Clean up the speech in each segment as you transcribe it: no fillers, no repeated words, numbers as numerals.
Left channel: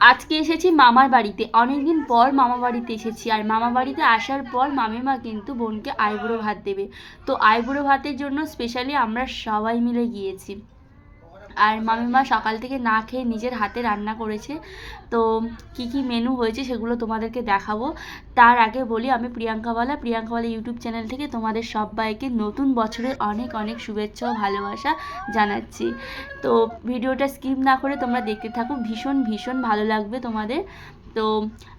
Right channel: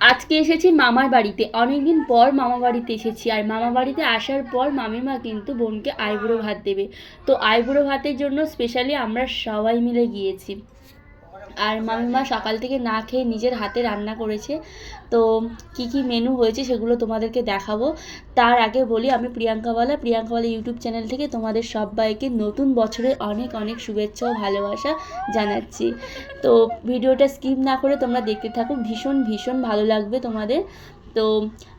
আজকে এসেছি মামার বাড়িতে, অনেকদিন পর মামা বাড়িতে এসেছি। আর মামা বাড়িতে আসার পর মামিমা কিন্তু বোনকে আইবুড়ো ভাত দেবে। তো আইবুড়ো ভাতের জন্য স্পেশালি আমরা সবাই মিলে গিয়েছি। আর মামিমা সকাল থেকে না খেয়ে নিজের হাতে রান্না করেছে। তো কি কি মেনু হয়েছে সেগুলো তোমাদেরকে দেখাবো। তার আগে বলি, আমি প্রিয়াঙ্কাওয়ালা ইউটিউব চ্যানেল থেকে তোমাদের সবাইকে নতুন বছরের অনেক অনেক শুভেচ্ছা ও ভালোবাসা জানাচ্ছি। তো ভিডিওটা স্কিপ না করে তোমরা দেখতে থাকো, ভীষণ ভীষণ ভালো লাগবে তোমাদের। তো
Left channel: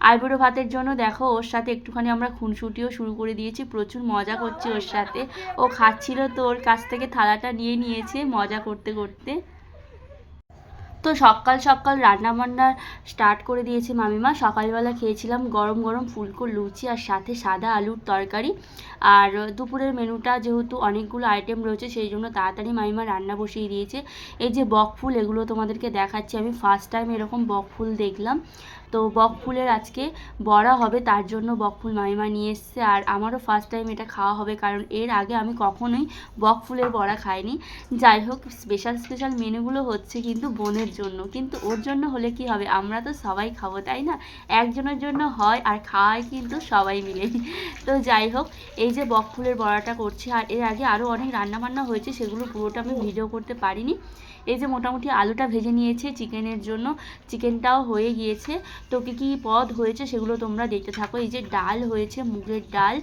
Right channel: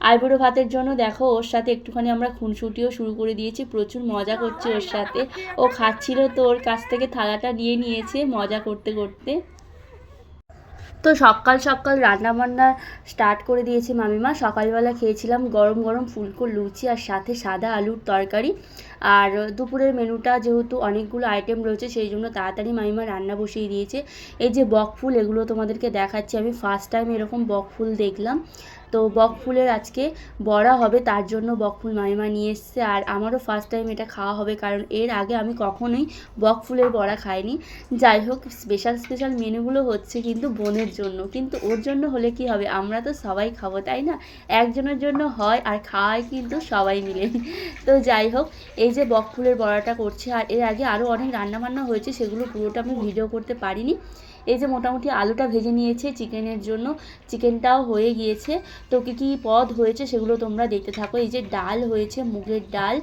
আইবুড়ো ভাতের জন্য দেখো, ওর সাথে একটুখানি আমরা খুনসুটিও শুরু করে দিয়েছি, প্রচুর মজা করছি ওর সাথে। ও খাচ্ছিল তো ওর কাছ থেকে থালাটা নিয়ে নিয়েছে মজা করতে করতে। তো সকাল সকাল রান্নাবান্না স্টার্ট করে দিয়েছে মামিমা। সকালবেলা খেয়েছিলাম গরম গরম ফুলকো লুচি আর সাথে সাদা আলুর তরকারি। আর দুপুরের মেনুটা যেহেতু অনেকগুলো আইটেম রয়েছে সেই জন্য তাড়াতাড়ি মামিমা রান্না বসিয়ে দিয়েছে। এই যে বকফুল, এগুলো তোমাদেরকে দেখাচ্ছি। আমি ফার্স্ট টাইম এরকম বকফুল দেখলাম। তো বকফুলের আজকে বড়া হবে, তার জন্য বকফুল মামিমা নিয়ে এসছে। আর আমারও ফার্স্ট টাইম এটা খাওয়া হবে, কারণ এর আগে আমি কখনোই বকফুলের বড়া খাইনি। যাই হোক, স্পেশাল স্পেশাল মেনুগুলো হচ্ছে কিন্তু বোনের জন্য, কিন্তু ওর জন্য হলে কি হবে, আমরা তো সবাই খাবো তাই না। একজনের জন্য হয় আর খাওয়াই কিন্তু সবাই মিলে। তো যাই হোক, এই যে বকফুলের বড়াটা করছে। আর এর আগে আরও অনেক রান্নাবান্না হয়েছে, সেগুলো পুরোটা আমি ভিডিও করতে পারিনি। এই যে মোটামুটি আলুটা ভেজে নিয়েছে চিকেনের জন্য, চিকেনটাও হয়ে গিয়েছে। তো কী কী পদ হয়েছে সেগুলো তোমরা দেখতে থাকো। এই যে ডাল হয়েছে, মুগের ডাল,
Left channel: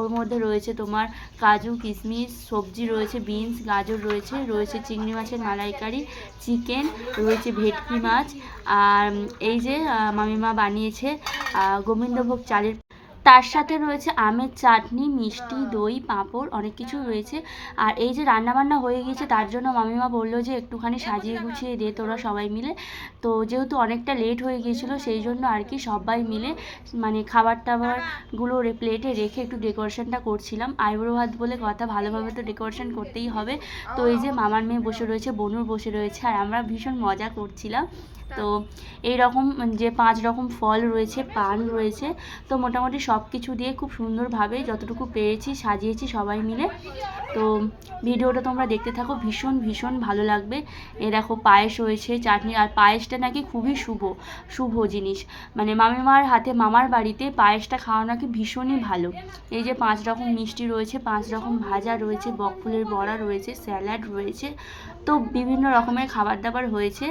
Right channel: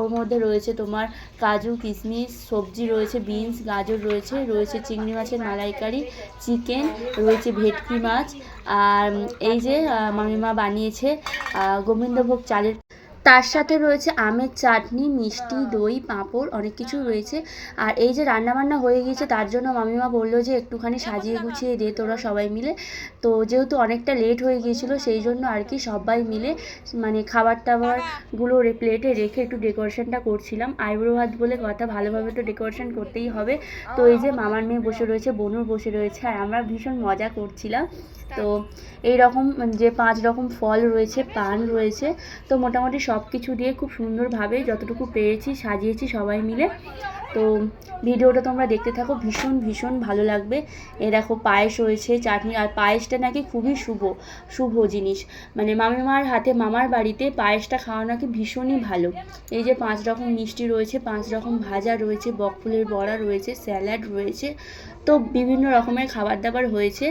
ওর মধ্যে রয়েছে তোমার কাজু কিশমিশ, সবজি রয়েছে, বিনস গাজর রয়েছে, রয়েছে চিংড়ি মাছের মালাইকারি, চিকেন রয়েছে, ভেটকি মাছ। আর এই যে মামিমা বানিয়েছে গোবিন্দভোগ চালের, তার সাথে রয়েছে আমের চাটনি, মিষ্টি, দই, পাঁপড়, অনেক কিছু রয়েছে। আর এই যে রান্নাবান্না হয়ে গিয়েছে, তার জন্য মামিমা বললো যে একটুখানি সাজিয়ে গুছিয়ে দে তোরা সবাই মিলে। তো যেহেতু অনেকটা লেট হয়ে গিয়েছিলো সেই জন্য আর কি সবাই মিলে মানে খাবার টাবারগুলো প্লেটে রেখে একটু ডেকোরেশনটা করছিলাম। আইবুড়ো ভাত বলে কথা, ভালোভাবে তো ডেকোরেশন করতেই হবে। তো এই যে মামার মেয়ে বসে রয়েছে, বনুর বসে রয়েছে, আর আমরা ভীষণ মজা করছিলাম। তো এই রকম যে 5 রকম ফল রয়েছে, পান রয়েছে। তো মোটামুটি সব কিছু দিয়ে খুব সুন্দরভাবে যতটুকু পেরেছি সাজিয়েছি সবাই মিলে। তো ভিডিওটা তোমরা দেখতে থাকো, ভীষণ ভীষণ ভালো লাগবে। এ দেখো পায়েস হয়েছে, চাটনি। আর পায়েসটা নাকি খুবই শুভ জিনিস, মানে মামিমার হাতে মামার বাড়িতে পায়েসটা খাওয়া নাকি ভীষণই ভালো। এই যে 5 রকম মিষ্টি রয়েছে, 5 রকম ভাজা রয়েছে, বকফুলের বড়া রয়েছে, স্যালাড রয়েছে। তো বিভিন্ন রকমের খাবার দাবার হয়েছে।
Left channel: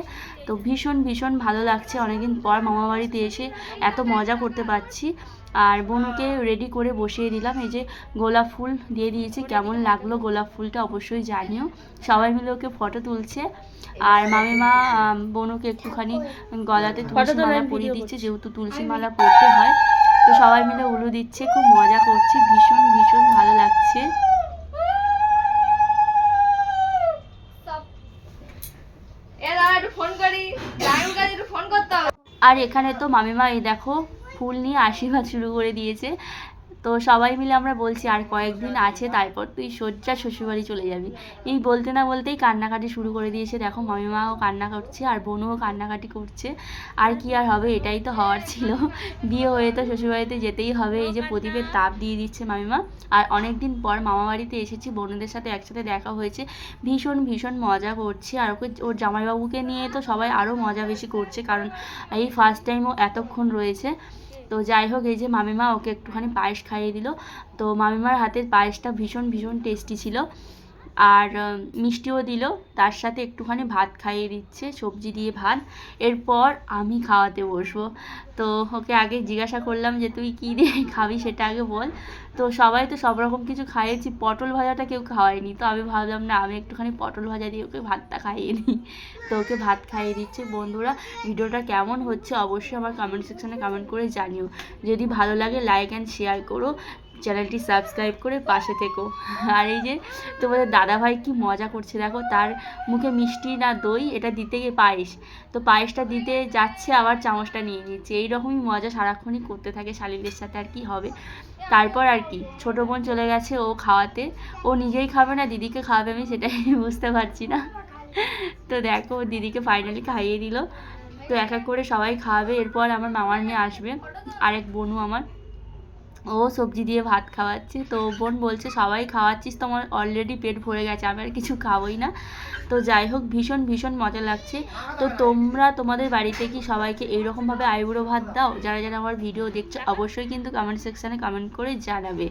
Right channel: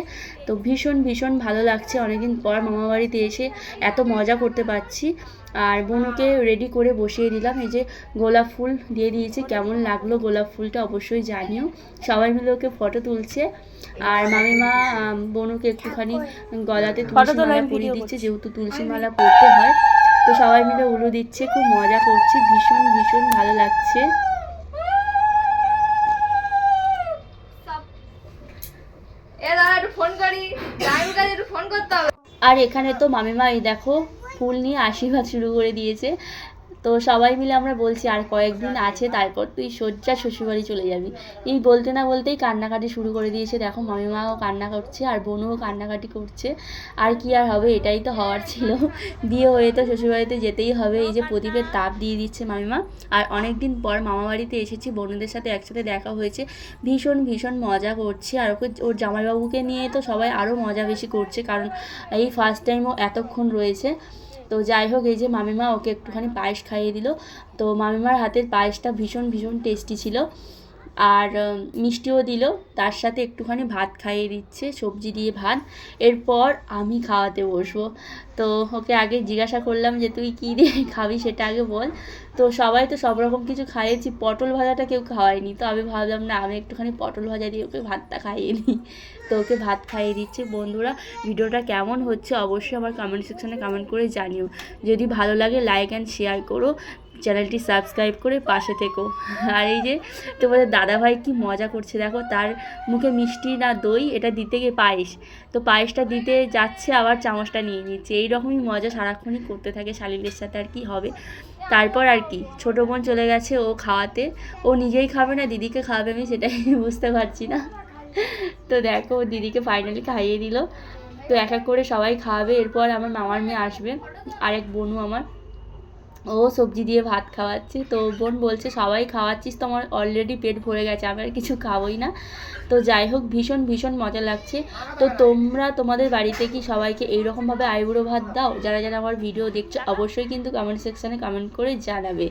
তো ভীষণ ভীষণ ভালো লাগছে, অনেকদিন পর মামা বাড়িতে এসে এত মজা করতে পারছি। আর বোনকে রেডি করে বসিয়ে দিলাম। এই যে গোলাপ ফুল দিয়ে দিয়েছি, কেমন লাগলো গোলাপ ফুলটা অবশ্যই জানিও। সবাই মিলে ওকে ফটো তুলছে। আর মামিমা বোনকে একটুখানি গলাতে তুলসী মালা পরিয়ে দিচ্ছে, যেহেতু তুলসী মালা পরতে হয়। তো সবাই মিলে উলু দিচ্ছে, খুব মজা করছি, ভীষণ ভীষণ ভালো লাগছে। আর এখানে তো মামিমা এই দেখো ফুল নিয়ে আশীর্বাদ শুরু করে দিয়েছে। তো সবাই মিলে আমরা বলছি আর কয়েকদিন আছে, তারপর তুই সোজা শ্বশুরবাড়ি চলে যাবি। এই বলতে না বলতেই কান্নাকাটি শুরু করে দিয়েছে। দেখো মামিমাও কান্না করছে আর বোনও কান্নাকাটি করছে। আর কি আর হবে, এটাই তো হওয়ার ছিল, বিয়ে হয়ে তো শ্বশুরবাড়িতে যেতেই হবে। এই যে প্রদীপের তাপ দিয়ে দিচ্ছে মামিমা। আর অনেক দিন পর মামা বাড়িতে এসেছি, বোনদের সাথে একসাথে দেখা হয়েছে, ভীষণ ভীষণ মজা করছি। আর ওর জামাইবাবুকে নিয়ে তো সবাই আরও মজা বেশি করছে, কারণ এই ফার্স্ট টাইম ও এতক্ষণ রয়েছে। তো যাই হোক, এই যে মামিমা ওকে একটুখানি পায়েস খাইয়ে দিল। তো মামিমার হাতের পায়েসটা ভীষণ ভীষণ টেস্টি ছিল। আর মিষ্টিও দিল, তার সাথে একটুখানি ভাত খাইয়ে দিচ্ছে, সবজি দিয়ে ভাত। এরপর আমি খাওয়াতে বসবো। তো ওকে আগে জিজ্ঞাসা করলাম যে তুই কী দিয়ে খাবি সেটা আগে বল। তো সবাই তো সব রকম কিছু খাইয়েছি, পটল ভাজাটা কেউ খাওয়ায়নি। তো আমি ভাবলাম না, আমি একটুখানি পটল ভাজা দিয়ে ওকে ভাতটা খাইয়ে নিই। তো ওকে ভাত খাইয়ে দিচ্ছে। বন্ধুরা, ভিডিওটা কেমন হচ্ছে অবশ্যই আমার কমেন্ট সেকশনে কমেন্ট করে জানিও। যদি ভালো লাগে লাইক অ্যান্ড শেয়ার করো, চ্যানেলটি সাবস্ক্রাইব করে পাশে থেকো। আর এই যে তোমাদের দাদাভাই কি মজা করছে দেখো, তার মুখে মিষ্টি না দই, এটা দিতে গিয়ে পায়েস, তো পায়েসটা দিতে যাচ্ছে আবার চামচটা নিয়ে নিচ্ছে। এইরকমই মজা সারাক্ষণই করতে থাকে শালিদের সাথে, আর কি হবে। তারপর আর কি, ছোটো বোন চলে গেছে ও খাওয়াতে। ও নিজেই খাবে না দিদিকে খাওয়াবে, আমি সেটাই বুঝতে পারছি না। তো দেখো দিদিকে ফাইনালি খাইয়ে দিল। তো এক এক করে সবাই খাওয়াবে। এরপর আমার মামার মেয়ে আসবে, আরেক বোনু আমার। ও সবজি দিয়ে ভাত খাওয়াচ্ছে। তো বোন বলছে সবাই খাওয়াচ্ছিস তো আমার অলরেডি পেট ভরে গেছে, আমি আর কিছু খাবোই না। তো যাই হোক, ভীষণ ভীষণ মজা লাগছে। তো তোমরা তোমাদের বাড়িতে কি সবাইকে এইরকমভাবে আইবুড়ো ভাত দাও? যারা যারা আমার ভিডিও দেখছো অবশ্যই কিন্তু কমেন্ট সেকশানে কমেন্ট করে জানাবে।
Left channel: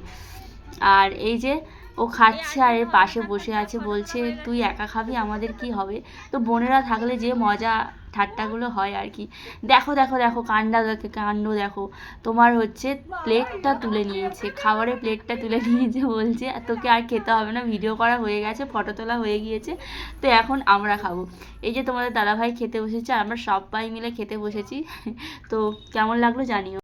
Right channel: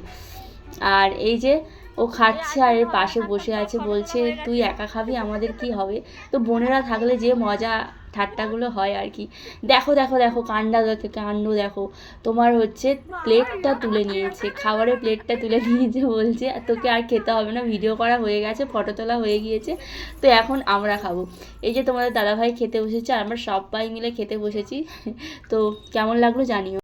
আর এই যে ও খাচ্ছে আর এর পাশে বসে আছে, বলছে তুই একা খাবি, আমাদের কি হবে? তো বোনেরা থাকলে যে মজা ঠাট্টাগুলো হয় আর কি। দেখো দেখো দেখো কাণ্ড দেখো, তোমার হচ্ছে প্লেটটা তুলে নিয়েছে, খাবারের প্লেটটা তুলে নিয়েছে, বলছে তোকে আর খেতে হবে না, ভিডিও করা হয়ে গেছে, ফটো তোলা হয়ে গিয়েছে, তো এখন আমরা খাবো। এই যে তোমাদের দাদাভাই খেতে বসেছে আর আমরা সবাই মিলে খেতে বসেছি। তো কেমন লাগলো জানিও।